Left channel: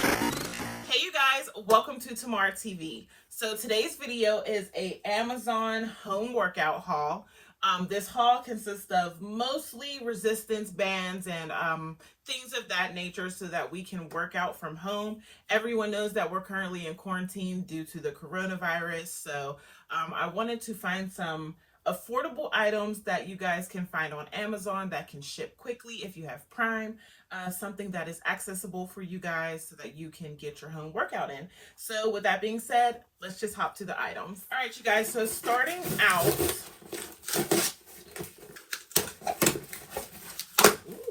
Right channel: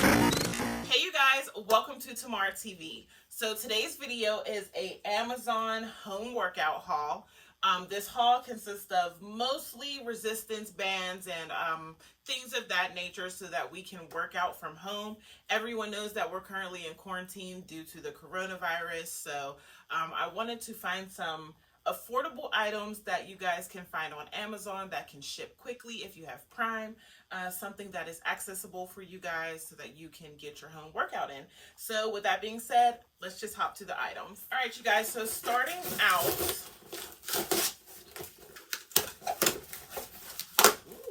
Hey you guys, welcome to Tamara TV. So today's video is a Amazon home workout haul. This haul consists of mostly resistance bands and things of that nature so that we can work out from home. Everyone knows that we're currently in quarantine due to the coronavirus, so I wanted to find some affordable items that you guys can find on Amazon that can ship quickly if you have Prime. Something that is accessible for you guys so that you can get your home workout in. So with that being said, let's just hop to the items. All right, you guys, so starting out, ooh,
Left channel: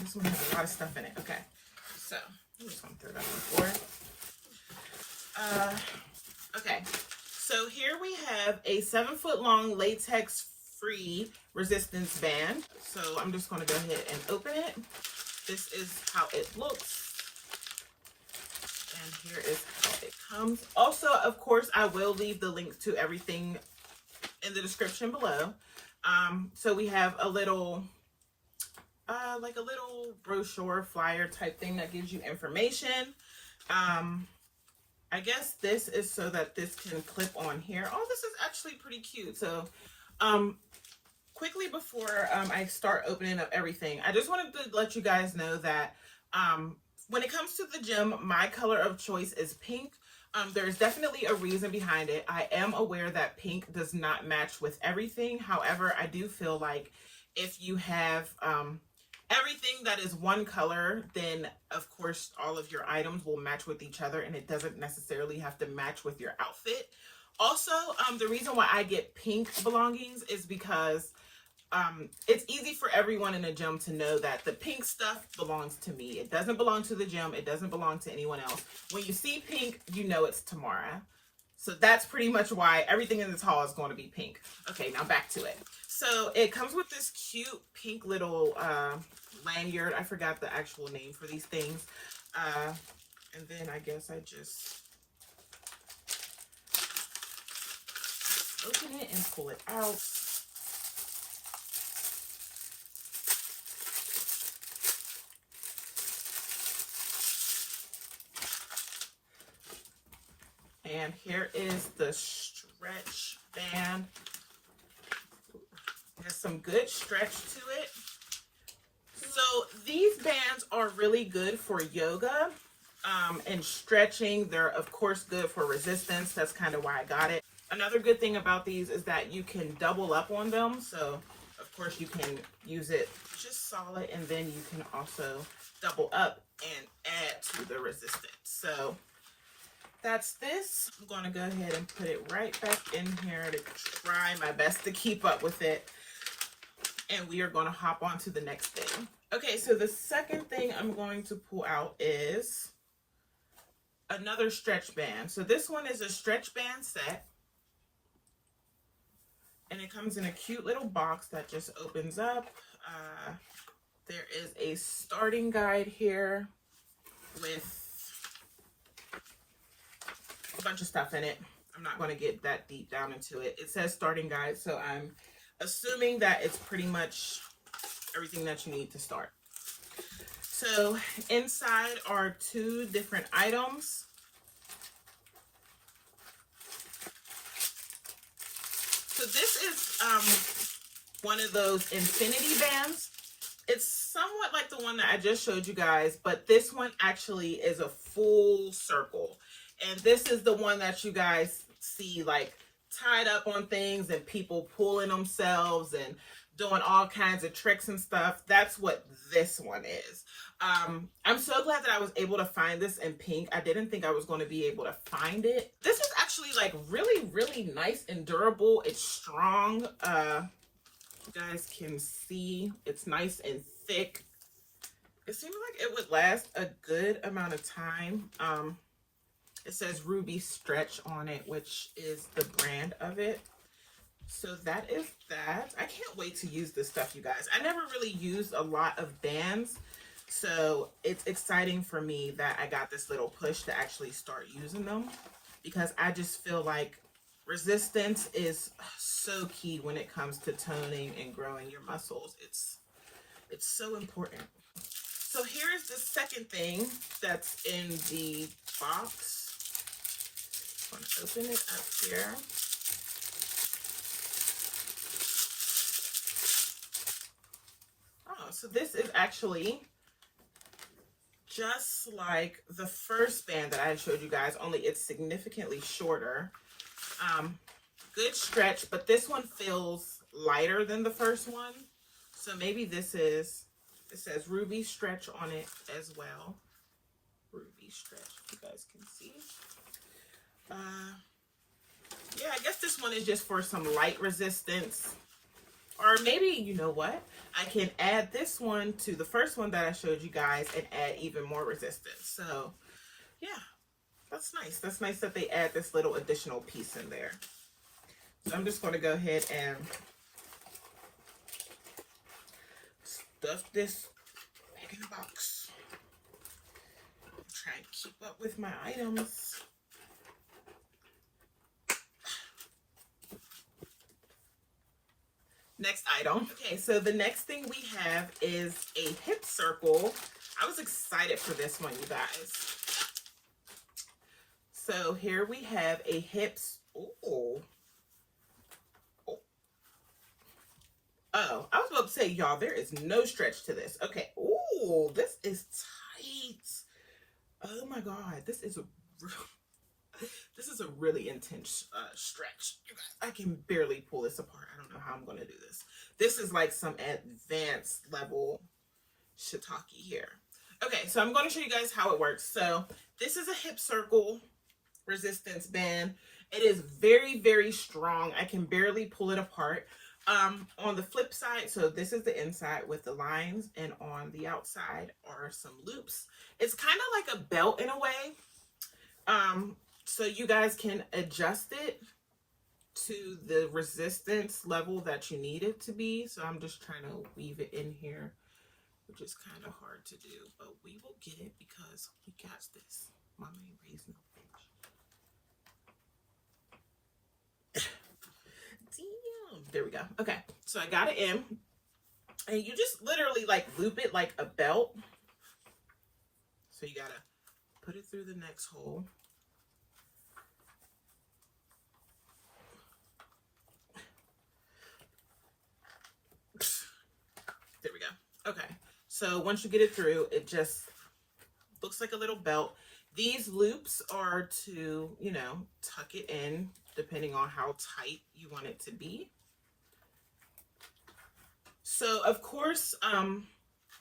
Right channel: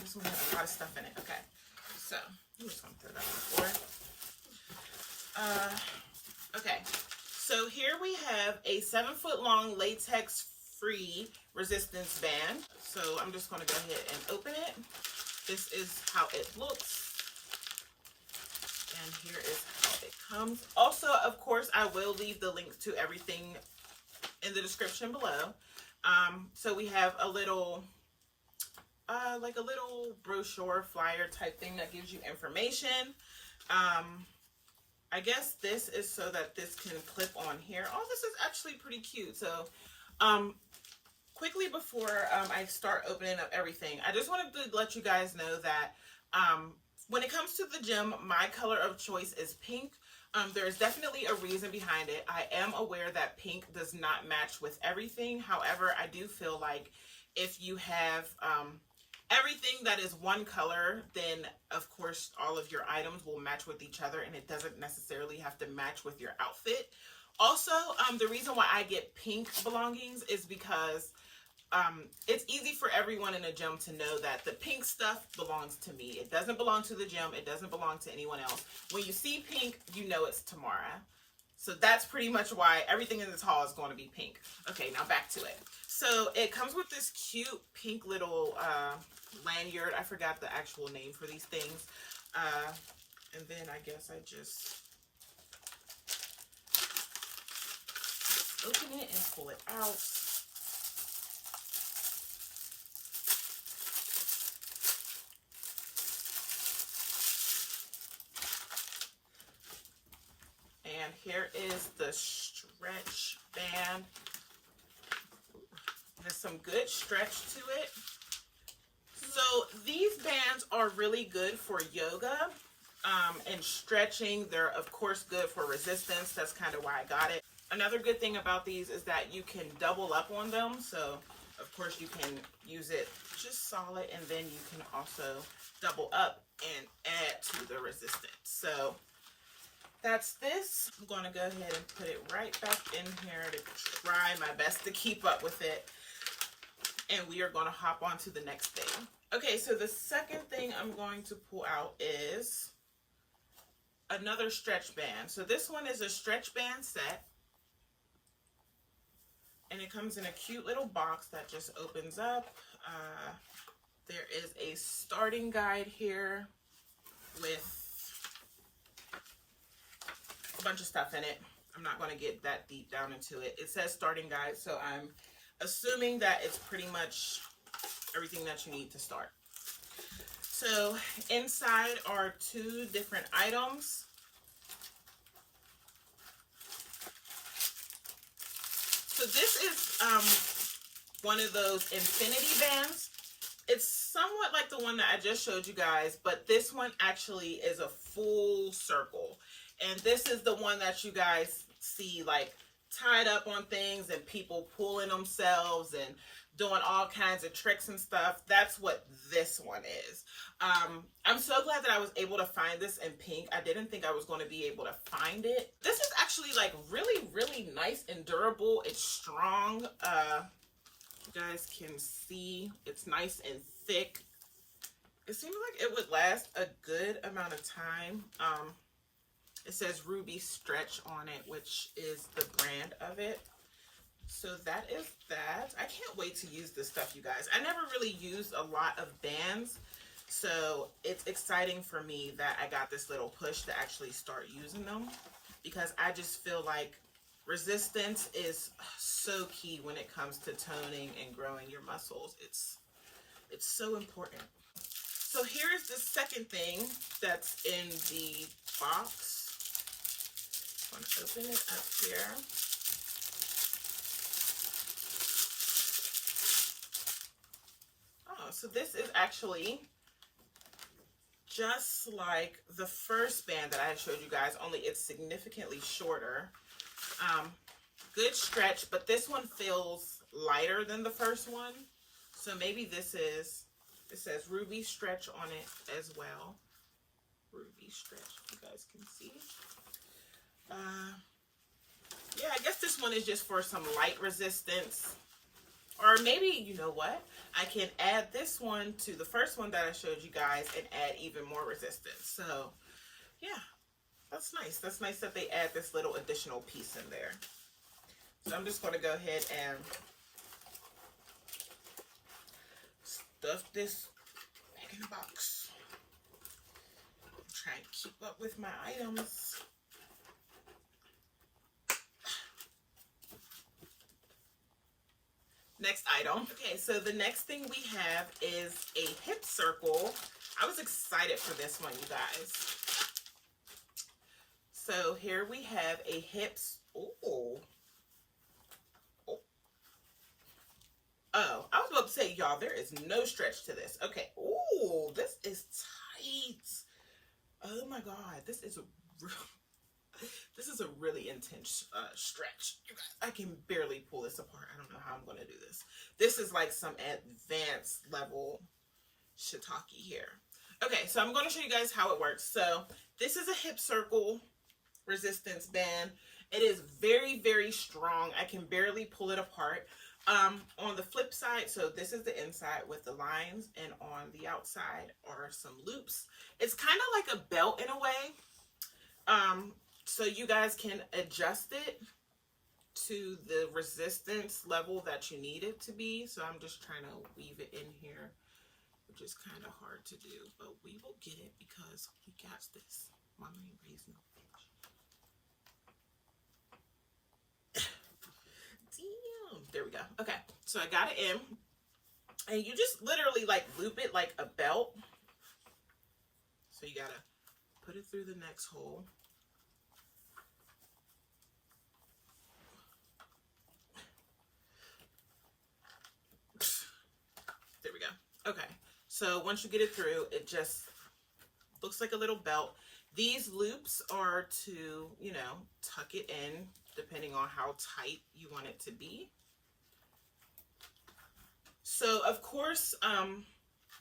this one has a lot of stuff in it. Okay, so I'm just gonna throw that on the floor. Okay, so here we have a 7-foot long latex free resistance band. So I'm just gonna go ahead and open it. This is how it looks, and here is how it comes. Also, of course, I will leave the links to everything in the description below. So we have a little, like a little brochure flyer type thing that gives you information. I guess this is so that this can clip on here. Oh, this is actually pretty cute. So, quickly before I start opening up everything, I just wanted to let you guys know that when it comes to the gym, my color of choice is pink. There's definitely a reason behind it. I am aware that pink does not match with everything. However, I do feel like if you have everything that is one color, then of course all of your items will match with each other, and it doesn't necessarily have to match with your outfit. Also, the reason why I get pink belongings is because it's easy for everyone in a gym to know that the pink stuff belongs to me. It doesn't belong to the gym. It doesn't belong to anyone else. When you see pink, you know it's Tamara. So that's pretty much why everything in this haul is going to be pink. Okay, now back to it. So it comes with this cute pink little lanyard. I forgot the actual name for these things. And then I guess I just open it and pull it out. And here is the stretch band. It has some good stretch to it. So these bands are really good for yoga and stretching. They're of course good for resistance. That's kind of why I got it. Another good thing about these is that you can double up on them. So of course you can use it just solid, and then you can also double up and add to the resistance. So that's this. I'm going to go ahead and put it right back in here to try my best to keep up with it. And we are going to hop on to the next thing. Okay, so the second thing I'm going to pull out is another stretch band. So this one is a stretch band set. And it comes in a cute little box that just opens up. There is a starting guide here with a bunch of stuff in it. I'm not going to get that deep down into it. It says starting guide, so I'm assuming that it's pretty much everything that you need to start. So inside are 2 different items. So this is one of those infinity bands. It's somewhat like the one that I just showed you guys, but this one actually is a full circle. And this is the one that you guys see like tied up on things and people pulling themselves and doing all kinds of tricks and stuff. That's what this one is. I'm so glad that I was able to find this in pink. I didn't think I was going to be able to find it. This is actually like really, really nice and durable. It's strong. You guys can see it's nice and thick. It seems like it would last a good amount of time. It says Ruby Stretch on it, which is the brand of it. So that is that. I can't wait to use this stuff, you guys. I never really used a lot of bands, so it's exciting for me that I got this little push to actually start using them, because I just feel like resistance is so key when it comes to toning and growing your muscles. It's so important. So here's the second thing that's in the box. I'm going to open it up here. Oh, so this is actually just like the first band that I showed you guys, only it's significantly shorter. Good stretch, but this one feels lighter than the first one. So maybe this is, it says Ruby Stretch on it as well. Ruby Stretch, if you guys can see. Yeah, I guess this one is just for some light resistance. Or maybe, you know what? I can add this one to the first one that I showed you guys and add even more resistance. So, yeah, that's nice. That's nice that they add this little additional piece in there. So I'm just going to go ahead and stuff this back in the box. Try and keep up with my items. Next item. Okay, so the next thing we have is a hip circle. I was excited for this one, you guys. So here we have a hips. Ooh. Oh, I was about to say, y'all, there is no stretch to this. Okay. Ooh, this is tight. Oh my God, this is a really intense stretch. You guys, I can barely pull this apart. I don't know how I'm going to do this. This is like some advanced level shiitake here. Okay, so I'm going to show you guys how it works. So this is a hip circle resistance band. It is very, very strong. I can barely pull it apart. On the flip side, so this is the inside with the lines, and on the outside are some loops. It's kind of like a belt in a way. So you guys can adjust it to the resistance level that you need it to be. So I'm just trying to weave it in here, which is kind of hard to do, but we will get it because we got this. Mama ain't raised no bitch. Damn. There we go. Okay, so I got it in, and you just literally like loop it like a belt. So you gotta put it through the next hole. There we go. Okay, so once you get it through, it just looks like a little belt. These loops are to, you know, tuck it in depending on how tight you want it to be. So of course,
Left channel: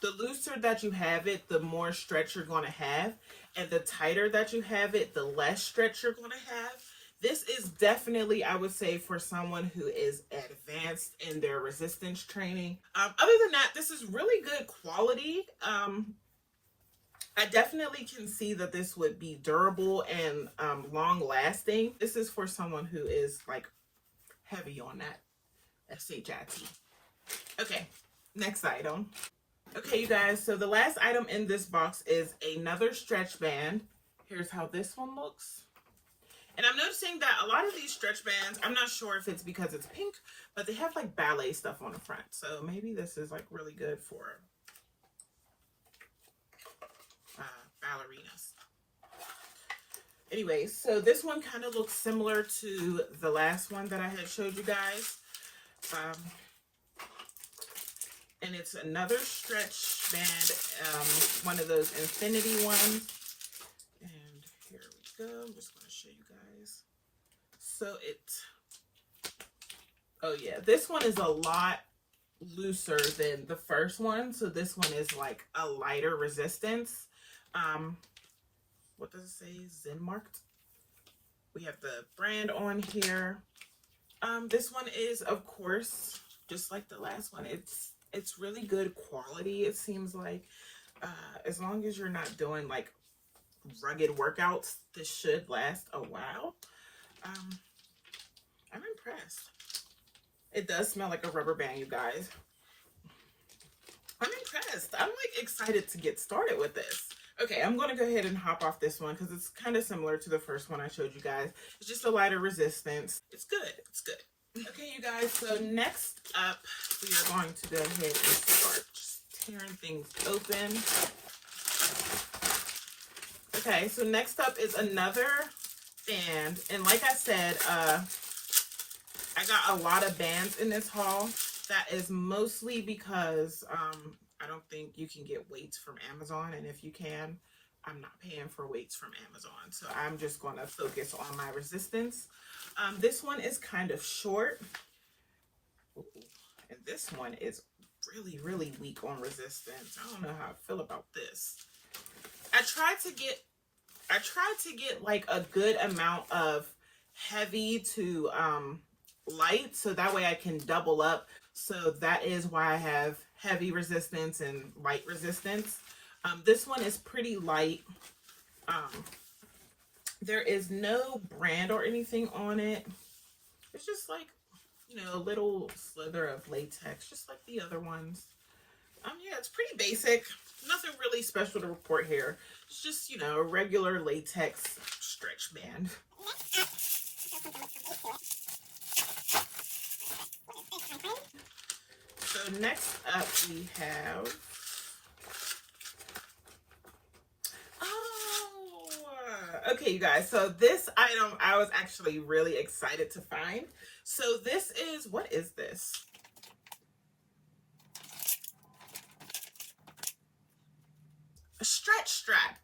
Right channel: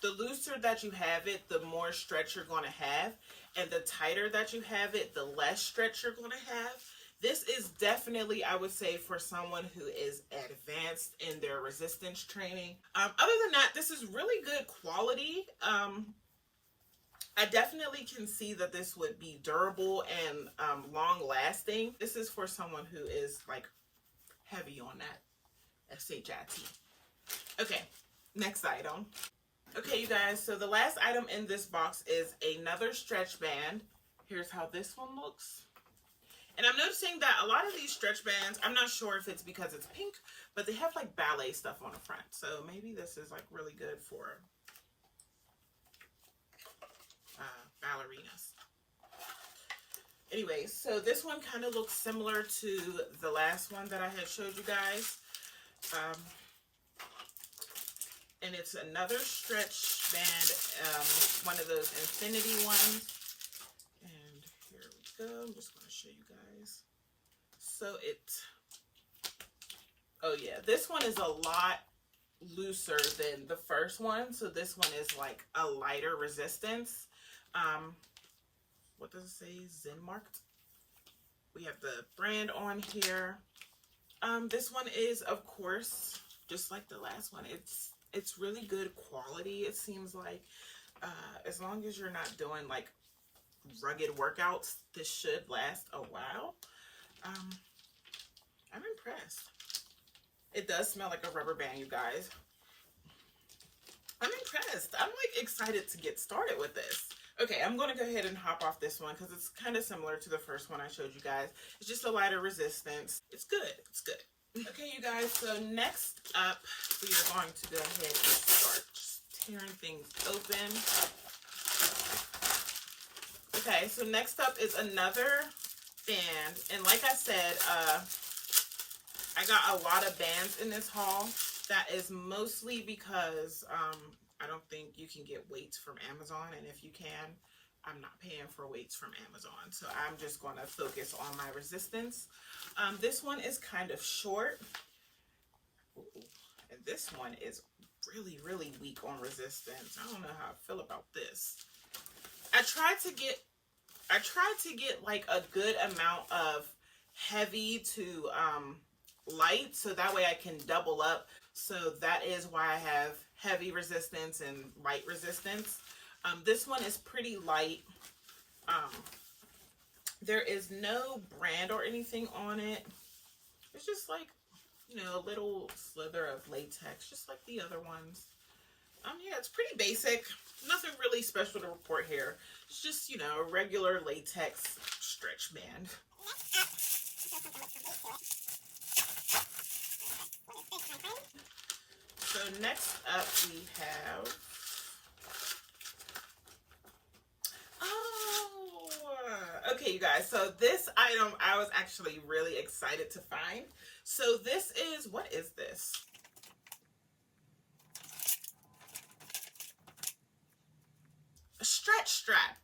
the looser that you have it, the more stretch you're going to have, and the tighter that you have it, the less stretch you're going to have. This is definitely, I would say, for someone who is advanced in their resistance training. Other than that, this is really good quality. I definitely can see that this would be durable and long lasting. This is for someone who is like heavy on that SHIT. Okay, next item. Okay, you guys, so the last item in this box is another stretch band. Here's how this one looks. And I'm noticing that a lot of these stretch bands, I'm not sure if it's because it's pink, but they have like ballet stuff on the front. So maybe this is like really good for ballerinas. Anyways, so this one kind of looks similar to the last one that I had showed you guys. And it's another stretch band, one of those infinity ones. And here we go. I'm just going to show you guys. So oh yeah, this one is a lot looser than the first one. So this one is like a lighter resistance. What does it say? Zen marked. We have the brand on here. This one is, of course, just like the last one. It's really good quality. It seems like as long as you're not doing like rugged workouts, this should last a while. I'm impressed. It does smell like a rubber band, you guys. I'm impressed. I'm like excited to get started with this. Okay, I'm going to go ahead and hop off this one because it's kind of similar to the first one I showed you guys. It's just a lighter resistance. It's good. It's good. Okay, you guys, so next up, we are going to go ahead and start tearing things open. Okay, so next up is another band. And like I said, I got a lot of bands in this haul. That is mostly because I don't think you can get weights from Amazon. And if you can, I'm not paying for weights from Amazon. So I'm just going to focus on my resistance. This one is kind of short. Ooh, and this one is really, really weak on resistance. I don't know how I feel about this. I tried to get like a good amount of heavy to light, so that way I can double up. So that is why I have heavy resistance and light resistance. This one is pretty light. There is no brand or anything on it. It's just like, you know, a little slither of latex, just like the other ones. Yeah, it's pretty basic. Nothing really special to report here. It's just, you know, a regular latex stretch band. So next up we have, okay, you guys, so this item I was actually really excited to find. So this is, what is this? A stretch strap.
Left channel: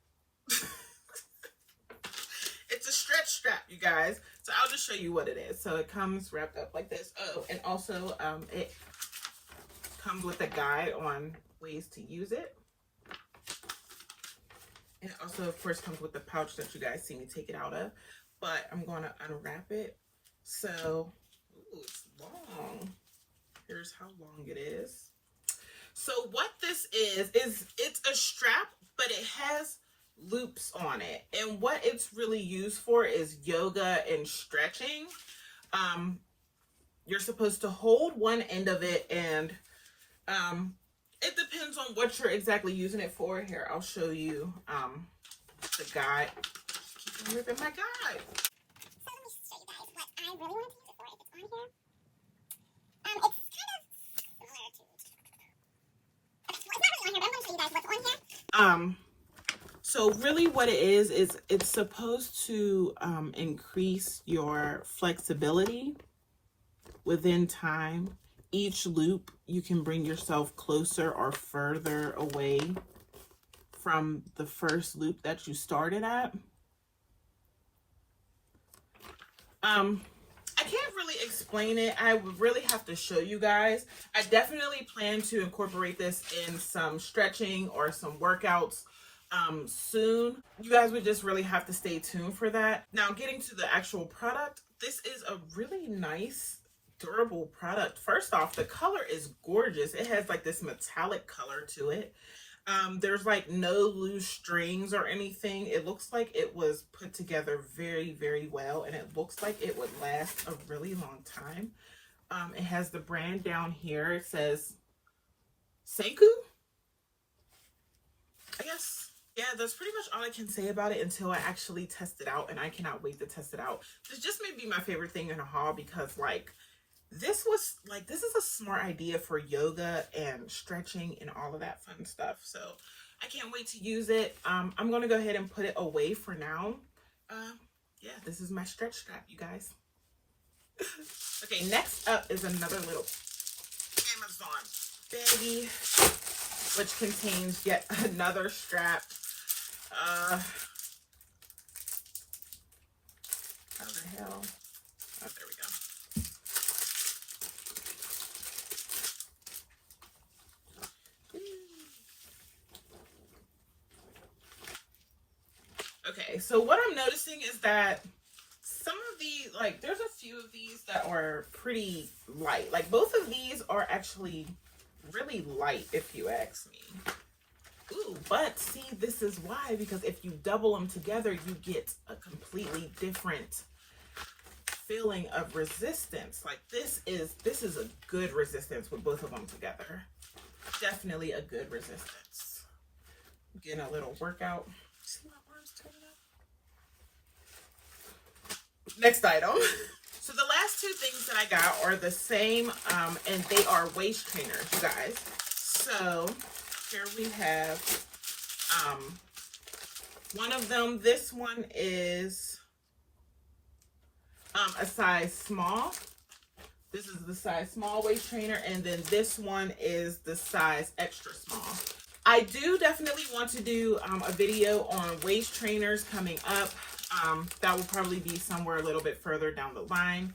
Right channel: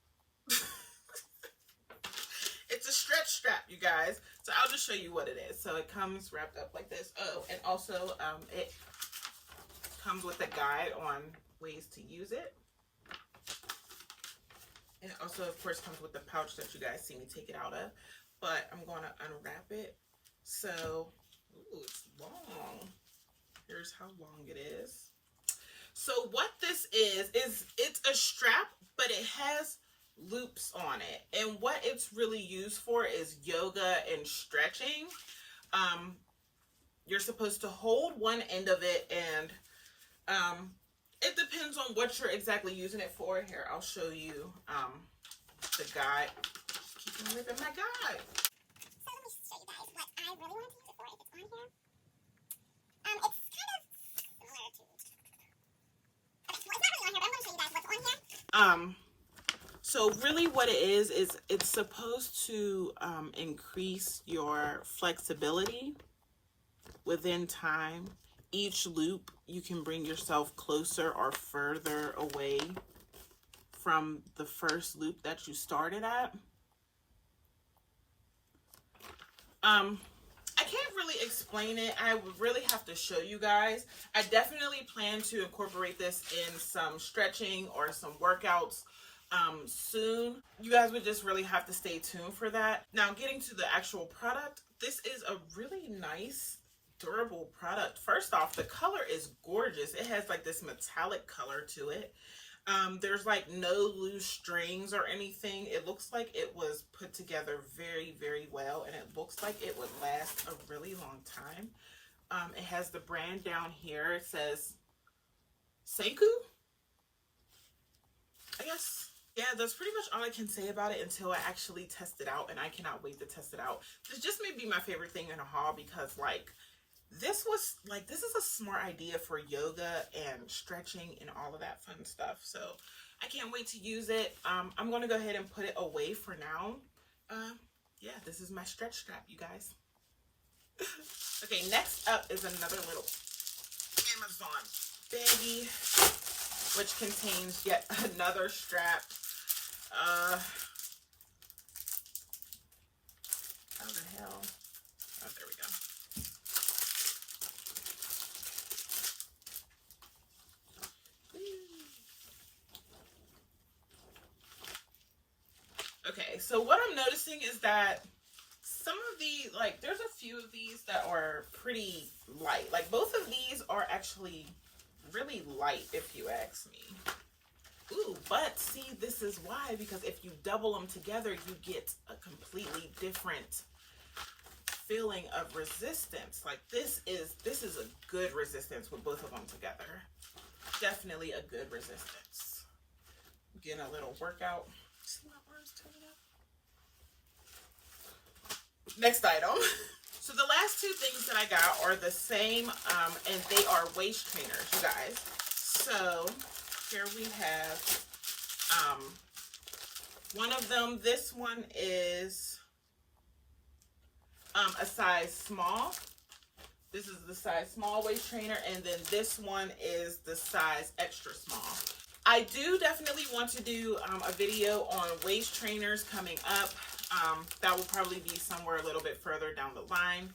It's a stretch strap, you guys. So I'll just show you what it is. So it comes wrapped up like this. Oh, and also it comes with a guide on ways to use it. And it also, of course, comes with the pouch that you guys see me take it out of. But I'm going to unwrap it. So, ooh, it's long. Here's how long it is. So what this is it's a strap, but it has loops on it. And what it's really used for is yoga and stretching. You're supposed to hold one end of it, and it depends on what you're exactly using it for. Here, I'll show you the guide. Just keep ripping my guide. So let me show you guys what I really want to use it for, if it's on here. It's kind of similar to... Okay, well, it's not really on here, but I'm going to show you guys what's on here. So really what it is it's supposed to increase your flexibility within time. Each loop, you can bring yourself closer or further away from the first loop that you started at. I can't really explain it. I would really have to show you guys. I definitely plan to incorporate this in some stretching or some workouts soon. You guys would just really have to stay tuned for that. Now, getting to the actual product, this is a really nice, durable product. First off, the color is gorgeous. It has like this metallic color to it. There's like no loose strings or anything. It looks like it was put together very, very well, and it looks like it would last a really long time. It has the brand down here. It says Seiko, I guess. Yeah, that's pretty much all I can say about it until I actually test it out, and I cannot wait to test it out. This just may be my favorite thing in a haul because, like, this is a smart idea for yoga and stretching and all of that fun stuff. So I can't wait to use it. I'm going to go ahead and put it away for now. Yeah, this is my stretch strap, you guys. Okay, next up is another little Amazon baggie, which contains yet another strap. How the hell? Oh, there we go. Okay, so what I'm noticing is that some of these, like, there's a few of these that are pretty light. Like, both of these are actually really light, if you ask me. Ooh, but see, this is why, because if you double them together, you get a completely different feeling of resistance. Like, this is a good resistance with both of them together. Definitely a good resistance. Getting a little workout. See my arms turning up? Next item. So the last two things that I got are the same, and they are waist trainers, you guys. So here we have One of them, this one is a size small. This is the size small waist trainer, and then this one is the size extra small. I do definitely want to do a video on waist trainers coming up. That will probably be somewhere a little bit further down the line.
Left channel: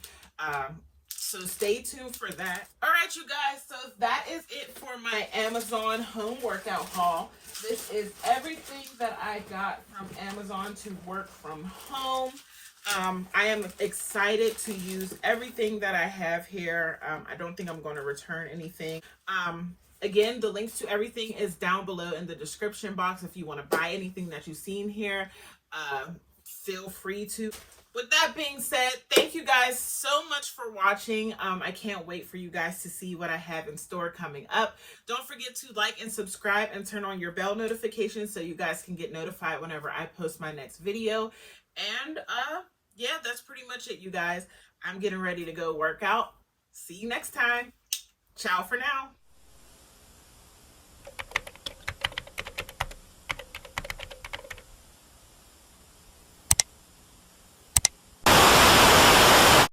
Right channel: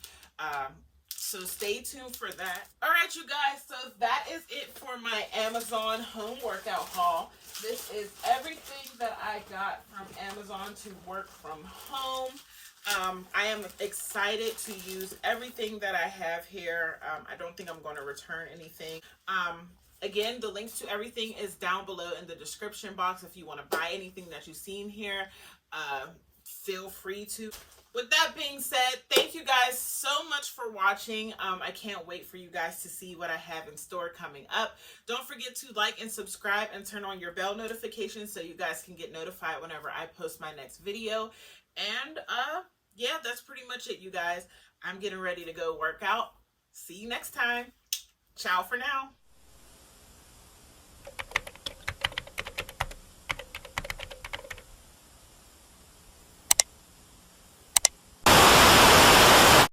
So stay tuned for that. All right, you guys, so that is it for my Amazon home workout haul. This is everything that I got from Amazon to work from home. I am excited to use everything that I have here. I don't think I'm going to return anything. Again, the links to everything is down below in the description box. If you want to buy anything that you've seen here, feel free to. With that being said, thank you guys so much for watching. I can't wait for you guys to see what I have in store coming up. Don't forget to like and subscribe and turn on your bell notifications so you guys can get notified whenever I post my next video. And yeah, that's pretty much it, you guys. I'm getting ready to go work out. See you next time. Ciao for now.